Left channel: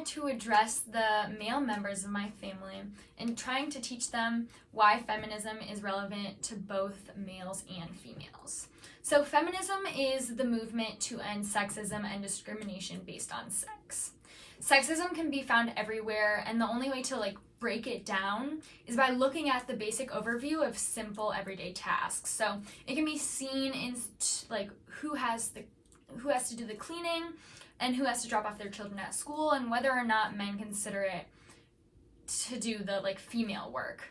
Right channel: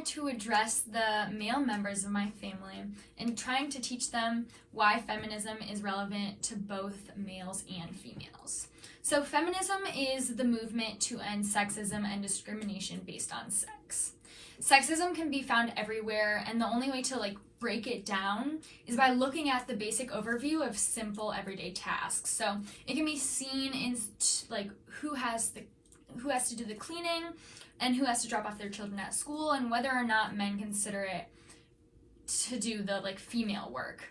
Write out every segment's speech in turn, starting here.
here to address the male members of my family and trying to teach them why feminism is relevant to both males and females. So feminism is the movement to end sexism and discrimination based on sex. Sexism can be found everywhere, and the only way to break it down is by looking at the basic overview of simple everyday tasks. So it can be seen in who has to do the cleaning and who has to drop off their children at school, and whether or not men consider it to do the female work.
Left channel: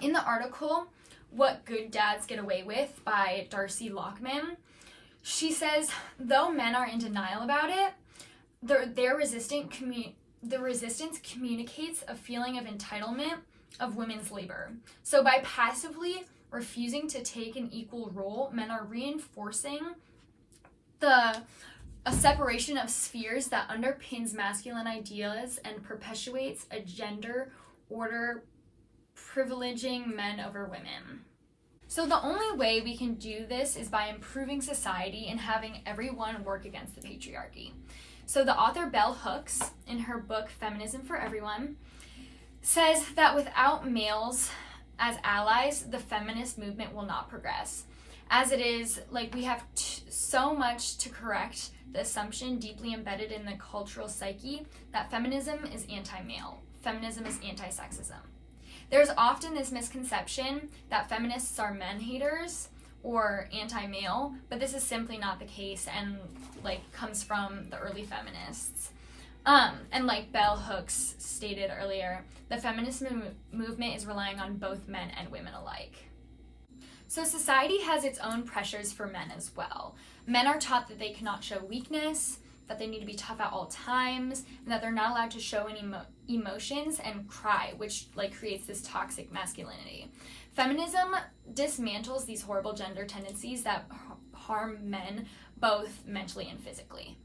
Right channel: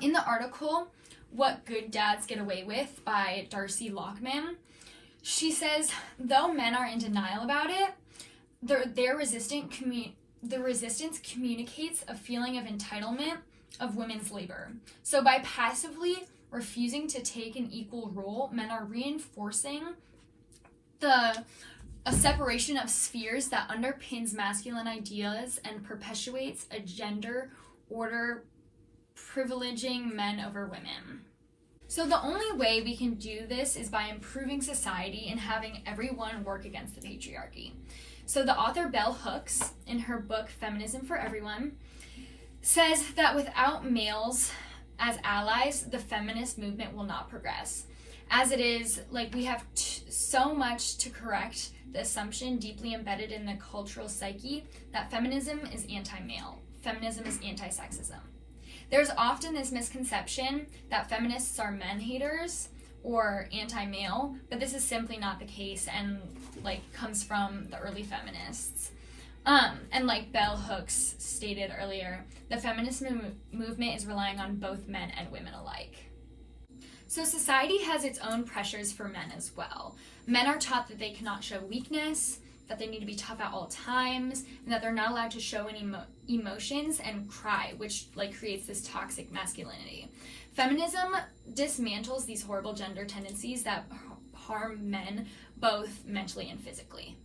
In the article What Good Dads Get Away With by Darcy Lockman, she says, though men are in denial about it, the resistance communicates a feeling of entitlement of women's labor. So by passively refusing to take an equal role, men are reinforcing a separation of spheres that underpins masculine ideas and perpetuates a gender order privileging men over women. So the only way we can do this is by improving society and having everyone work against the patriarchy. So the author Bell Hooks, in her book Feminism For Everyone, says that without males as allies, the feminist movement will not progress. As it is, we have so much to correct the assumption deeply embedded in the cultural psyche that feminism is anti-male, feminism is anti-sexism. There's often this misconception that feminists are men-haters or anti-male, but this is simply not the case and comes from the early feminists. And like Bell Hooks stated earlier, the feminist movement is relying on both men and women alike. So society has its own pressures for men as well. Men are taught that they cannot show weakness, that they need to be tough at all times, and that they're not allowed to show any emotions and cry, which creates this toxic masculinity. Feminism dismantles these horrible gender tendencies that harm men both mentally and physically.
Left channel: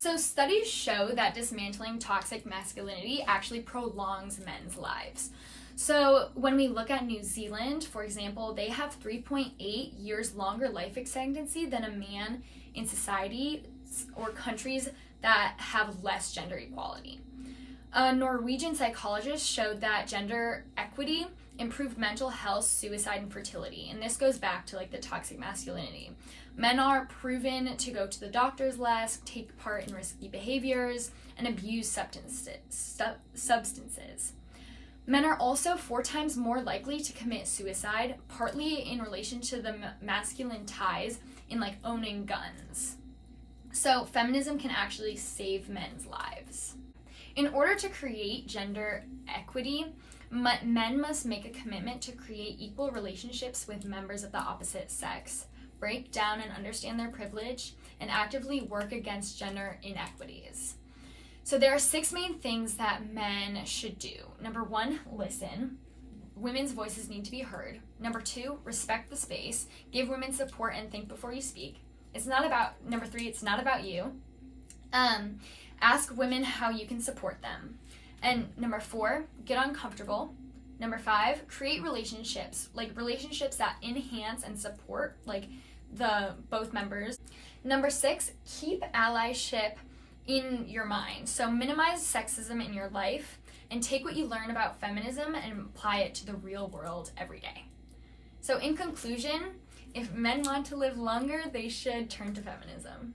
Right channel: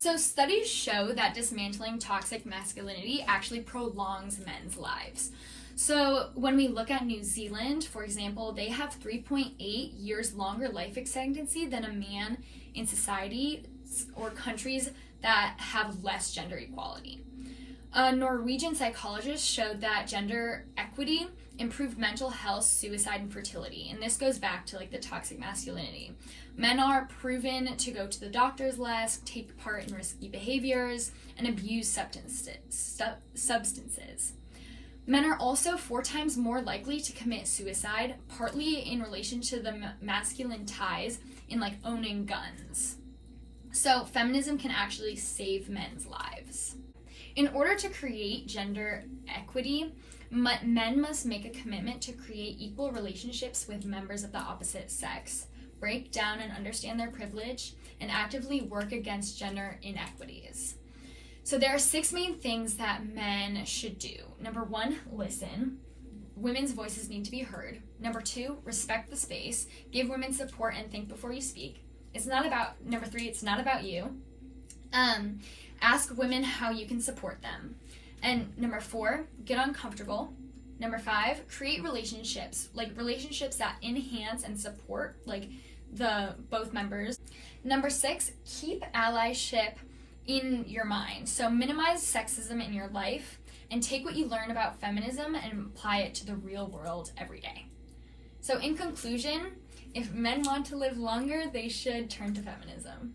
So studies show that dismantling toxic masculinity actually prolongs men's lives. So when we look at New Zealand, for example, they have 3.8 years longer life expectancy than a man in society or countries that have less gender equality. A Norwegian psychologist showed that gender equity improved mental health, suicide, and fertility. And this goes back to the toxic masculinity. Men are proven to go to the doctors less, take part in risky behaviors, and abuse substances. Men are also 4 times more likely to commit suicide, partly in relation to the masculine ties in owning guns. So feminism can actually save men's lives. In order to create gender equity, men must make a commitment to create equal relationships with members of the opposite sex, break down and understand their privilege, and actively work against gender inequities. So there are 6 main things that men should do. Number 1, listen. Women's voices need to be heard. Number 2, respect the space. Give women support and think before you speak. Number 3, it's not about you. Ask women how you can support them. And number 4, get uncomfortable. Number 5, create relationships, relationships that enhance and support both members. Number 6, keep allyship in your mind. So minimize sexism in your life and take what you learn about feminism and apply it to the real world every day. So in conclusion, if men want to live longer, they should turn to feminism.